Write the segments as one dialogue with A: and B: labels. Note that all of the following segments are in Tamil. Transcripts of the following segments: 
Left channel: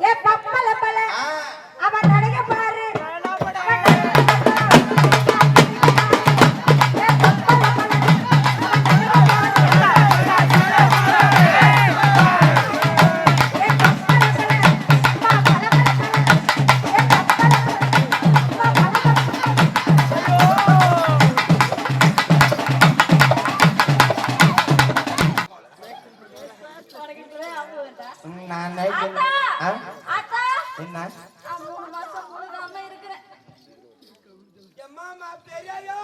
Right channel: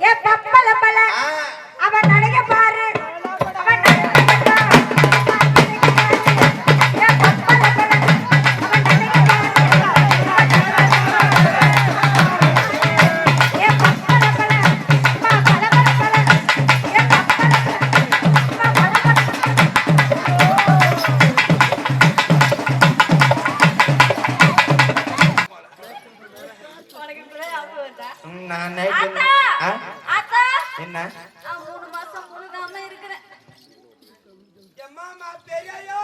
A: ಯಾಕ
B: எம்மாமா பெரியாயோ!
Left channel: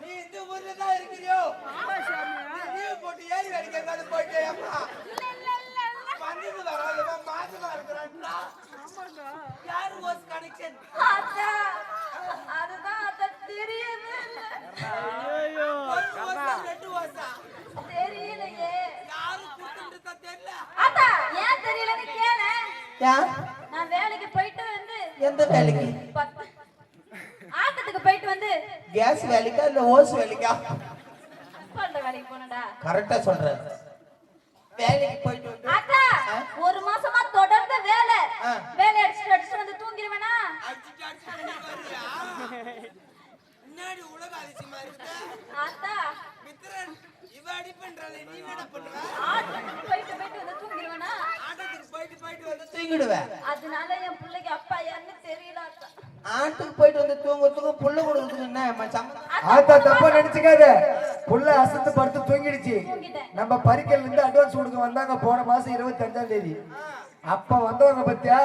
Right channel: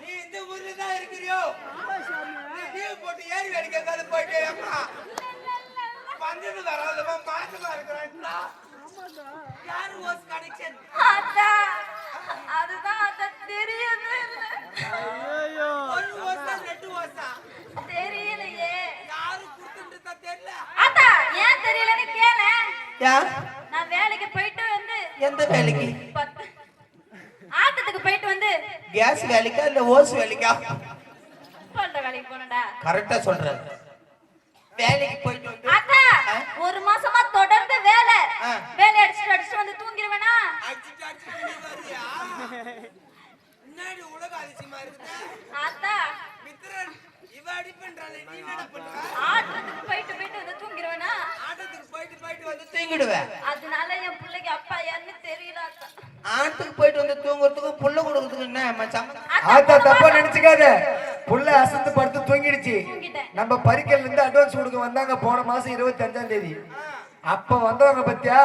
B: நீ இந்த ஊர்ல தான் இருக்கிறியோ? நீ லீவ் போட்டு ஏறி வேடிக்கை பார்த்து போயிட்டு அம்மா வந்தது வராதவா மாசமா இருக்கிறான்டா யாரு ஓஸ் கனெக்ஷன்
A: ஆத்தா! அதுதான் ஆத்தா தெரியவே இல்ல.
B: ஒரு ஓசா ரெண்டு ஓசா.
A: தெரியலையே.
B: யாரு குடுத்துட்டு தெரியல.
A: ஆத்தா, ஏன் தெரியலன்னு கேளேன்.
B: யா
A: நான் வேலைக்கு போயிட்டு வந்து
B: எந்த வேலைக்கு
A: பத்து- ஆட்டத்துக்கு போயிட்டு வந்து
B: கேஸ் வேலைக்கா இல்ல ஓஸ் வேலைக்கா? கரெக்டா சொல்றாரு. வேலைக்கு போயிட்டு வந்து?
A: ஒரு மாசமா தொடர்ந்து வேலை. வேலை அடிச்சுட்டு அடிச்சுட்டு வந்து தூங்கிடுவேனா
B: அடிச்சுட்டு அடிச்சுட்டு நீ வரியா முன்னாடி உலக அதிசயமா இருக்குது
A: ஆத்தா
B: மித்ரன் இவ அடிப்பன்றாளே நீ என்னடா பண்ணுவ?
A: ஆட்டத்துக்கு போயிட்டு போயிட்டு வந்து தூங்கிடுவேனா
B: ஆட்டத்துக்கு போயிட்டு போயிட்டு வந்து தூங்கிடுவேன்
A: ஆத்தா
B: ஆட்டுக்கு போயிட்டு வந்து தூங்குறதுக்கு புல்ல கொடுக்குறதுக்கு என்ன?
C: ஆத்தா தப்பா நினைச்சுக்காத. புள்ள அசந்து படுத்து தூங்கிடுச்சு. நம்ம பரிக்கல்ல இருந்து அட்வான்ஸ் கொடுக்க வந்தாங்க போன மாசம் இருபத்தி அஞ்சாம் தேதி அப்ப வந்தவங்க பத்தியா?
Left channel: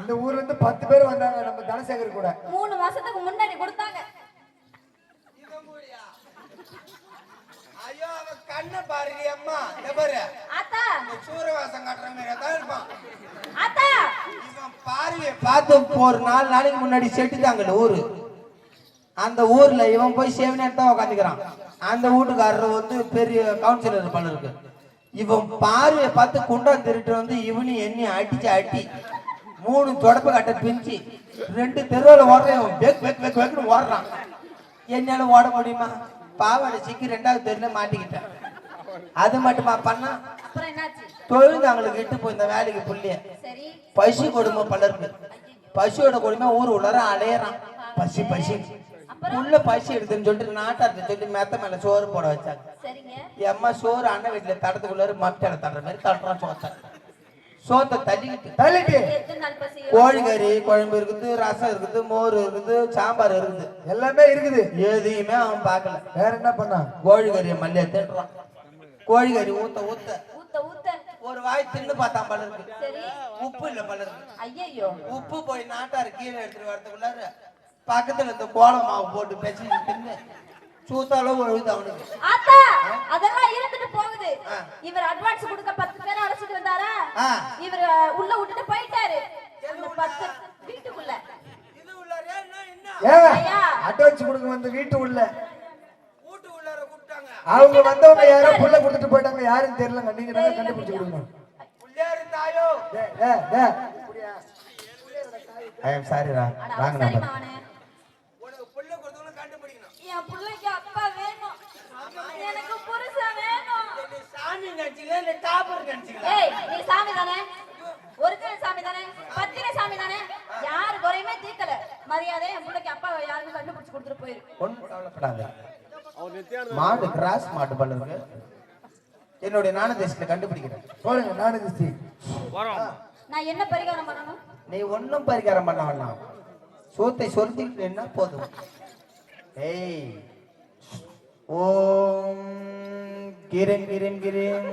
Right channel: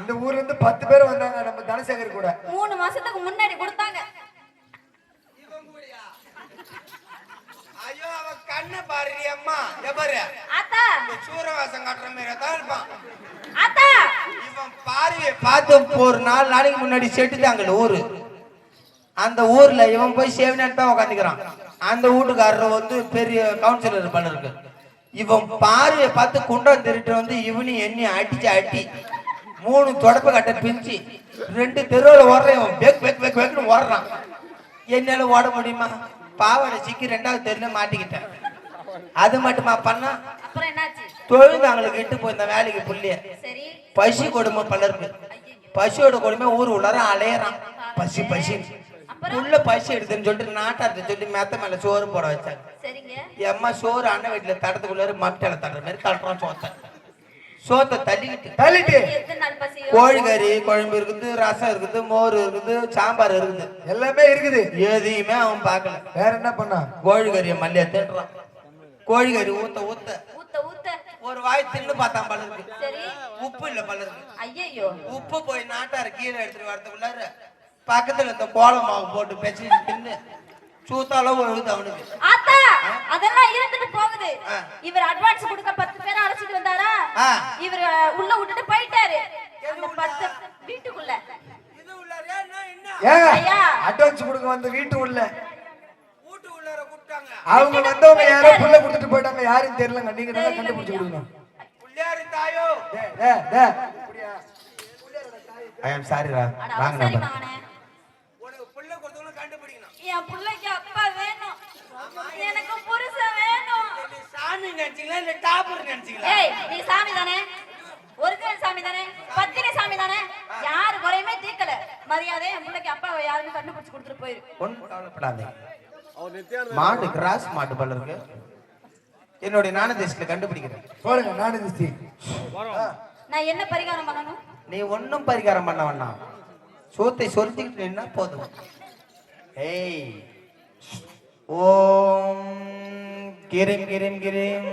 C: இந்த ஊர்ல இருந்து பத்து பேர் வந்தாங்க நம்ம தனசேகர் கூட.
A: மூணு மாசத்துக்கு முன்னாடி கொடுத்தாங்க
B: இவன் கூடயா ஐயோ அவன் கண்ணை பாரு அம்மா எவரு
A: ஆத்தா
B: இந்த சூரவாசம் காட்டுற மாதிரி தான் இருப்பான்
A: ஆத்தா
B: இவன் பார்வையை பார்த்து ஒரு நாலு நாளைக்கு முன்னாடி செட்டுதாங்கல்ல ஊரு. அந்த ஊர்ல இவன் போய் சேவனாட்டு தான் உட்காந்துக்கிறான் அந்த வீட்டுக்காரர் வந்து பெரிய கவுன்சிலர் பண்ணிருக்கு இவன் பார்வையை பார்த்து குண்டம் திருட்டு வந்து இவனையும் எண்ணி அடிச்சு அட்டி மூணு தொடப்பு கட்ட பிரிஞ்சு ரெண்டு தெருவில் ஓடுறான் இவன் பேக் பேக் பேக் பேக்னு ஓடுறான். என்னால ஓட முடியுமா? பாவனை சிக்கி ரெண்டாவது தெருல மாட்டிக்கிட்டேன். அது மட்டுமா பண்ணா?
A: அப்புறம்
B: தொழில்காங்களுக்கு எட்டு போய் இந்த வேலைக்கு புள்ளிய. பசி கொடுமை பலருக்கு. பசியோட கொடுமை ஊர் உள்ளார அலையறான். பசி பசி. புள்ள பசி எடுத்துன்னு சொல்லிட்டு நாட்டார்ட்ட சொல்லி மெத்த மேல சோறு போட வச்சாங்க. அம்மா சோறு அண்ணன் வீட்டுல தடத்துக்குள்ளாரு மட்டல தடுற மாதிரி தட்டுறான் சோத்தை. சோத்தை தள்ளிக்கிட்டு
C: தள்ளிட்டு.
B: கோழிக்கறி குழம்பு இருக்குது ரசம் இருக்குது மோர் இருக்குது சாம்பார் இருக்குது.
C: எல்லாமே இருக்குது.
B: எதையுமே அவன் பார்க்கல.
C: வேற என்ன பண்ணா
B: கோழிக்கறியை மல்லியா தேடுறான். கோழிக்கறி ஊத்த ஊத்த. ஒரு வாய் தின்னு பார்த்தான் பலருக்கு
A: சரி.
B: உப்பு இல்ல பலருக்கு
A: ஐயையோ.
B: உப்பு போய் நாட்டாரு கீழே எடுத்துட்டு வரதுக்குள்ளார பக்கத்துல இந்த கோலம் மாவு போட்டு பெச்சு தின்னு சூத்தாலும் விழுது அவனுக்கு.
A: ஆத்தா அதெல்லாம் இருந்துட்டு போகுது. இவர் அட்வான்ஸ் கொடுக்க பத்து பேர் அழைச்சிட்டு வந்தாரா. இவர் உள்ள விட்டுட்டு போயிட்டாரு. பத்து வீட்டுக்குள்ள.
B: இது உள்ளாரே என்ன
C: ஏங்க
A: ஐயா.
C: அட்வான்ஸ் கொடுக்க வந்த வீட்டு உள்ள. அவங்க வந்தவங்க யாரோ புள்ள கொடுத்துட்டு போயிட்டாங்க யாருன்னு தெரியலங்க. நீங்க தான் கண்டுபிடிச்சு கொடுக்கணும்.
B: ஐ எம் சாரிடா
A: அட
B: வாங்க
A: சரி
B: நம்ம
A: மகனே
B: உனக்கு புள்ள கொடுத்தவங்க கண்டுபிடிக்கணும்
A: என் பிள்ளைக்கு அப்பா வேணும் எனக்கு புருஷன் வேணும்
B: நீ சாமி நினைச்சீங்களா இல்ல டாப்பர் நினைச்சீங்களா
A: ஏய் நீ சாமி தானே? ஒருக்கன் சாமி தானே? பத்தினி சாமி தானே? யாரு குறையுமே தீர்க்கல. மரியாதை என் பிள்ளைக்கு அப்பாவை யாருமே கண்டுபிடிச்சு கொடுத்துட்டு போயிரு.
B: மாடு கிராஸ் மாடு பல இருக்கு. என்னுடைய நாணதேசத்துல கண்டுபிடிக்கிறேன்.
C: போடுங்க நானு திஸ்தி
A: நான் என்ன பரிகாரம் பண்ணணும்?
B: நீ ஒன்றும் பரிகாரம் பண்ண வேண்டாம். சோத்தை சொல்லிக்கிட்டு போதும். ஏய். ஓம் கிரிம் கிரிம் கிரிம்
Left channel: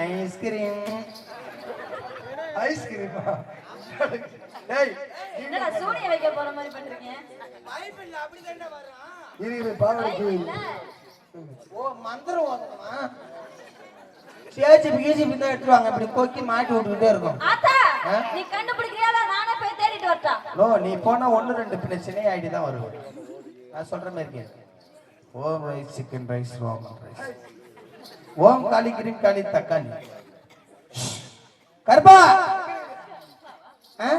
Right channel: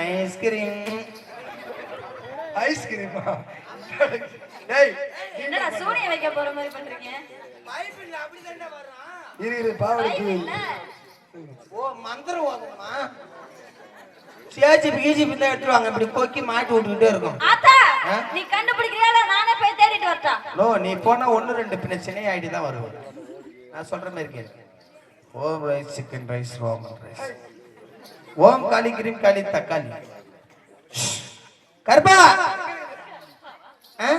B: ஐஸ்கிரீம்
C: ஐஸ்கிரீமா டேய்
A: என்னடா சூனியம் வைக்க போற மாதிரி பண்றீங்க?
B: பைபிள் அப்படிதான்டா வர்றான்.
C: இரு இரு
A: என்ன?
B: ஓ மந்திரம் ஓதணுமா? சேஜிபி கீஜிபி தான் எடுத்துருவாங்க. இப்படி கொக்கி மாட்டி விட்டுக்கிட்டே இருக்கும்
A: ஆத்தா நீ கண்டுபிடிக்கிறீங்களா நானே போய் தேடிட்டு வரட்டா.
B: நோ நீ போனா ஒன்று ரெண்டு பிரச்சனை ஐடி தான் வருவேன். நான் சொல்ற மாதிரி கேளு. Om rice chicken rice Om rice. Om Kali cream காளி தக்காளி. கருப்பா! ஆ?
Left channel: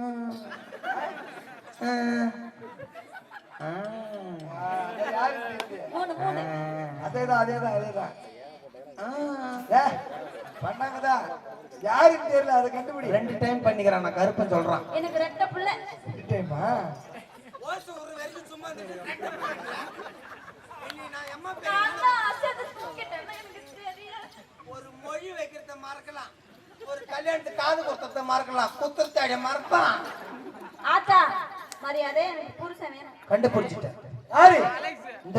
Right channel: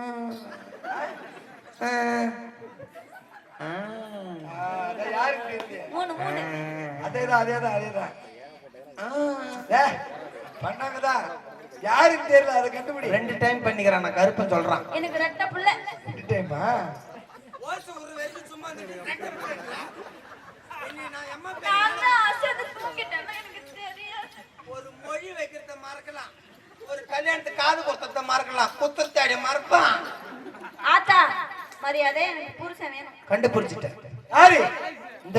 B: ம். ஆ. ஆ.
A: மூணு மூணு
C: அதேதான் அதேதான் அதேதான் பண்ணாங்கதான் யாருக்கு தெரியல அதை கண்டுபிடி
B: ரெண்டு டைம் பண்ணிக்கிறான் நான் கருப்பன் சொல்றான்.
A: எனக்கு ரெட்ட புள்ள.
C: ரெண்டு டைமா
B: ஓசு ஒரு வரைக்கும் சும்மா நான் எம்மா
A: நான் தான் அசந்து தூக்கிட்டேன் எனக்கு தெரியாது.
B: ஒரு மொழி வைக்கிறத மறக்கலாம். ஒரு கல்யாணத்துக்கு காது குத்தத்தை மறக்கலாம். குத்தத்தாடிய மறப்பான்.
A: ஆத்தா மரியாதை எனக்கு புருஷன் வேணும்.
B: கண்டுபிடிச்சிட்டேன்.
C: யாரு?
B: இந்த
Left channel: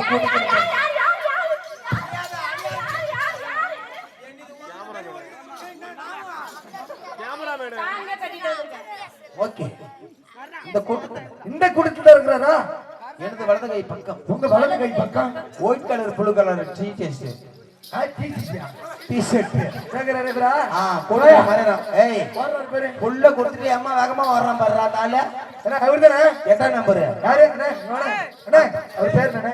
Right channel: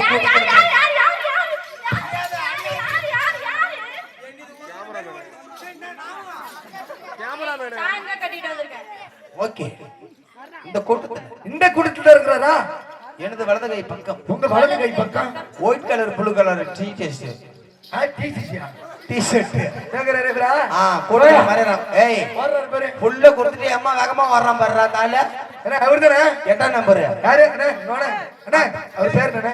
B: ஓகே. இந்த கூட்டத்துல.
C: இந்த கூட்டத்துல இருக்கிறாரா
B: எனது வலது கை பக்கம்.
C: உங்க வலது கை பக்கம்.
B: ஒயிட் கலர் ப்ளூ கலர் டீ டெஸ்ட்
C: ஆ, டிசிசியா?
B: டீ ஷர்ட்
C: சேகரா இருக்கிறா?
B: ஆ கூட்டத்துல மறைறான் ஏய்
C: பாரு.
B: புள்ள கொடுத்துட்டு அம்மா வேகமா வர்றான் பாடுறா தால
C: அவர் தானே
B: எத்தனை நம்பர்
C: யாரு? அண்ணா, அண்ணா, அவர் பேர் என்ன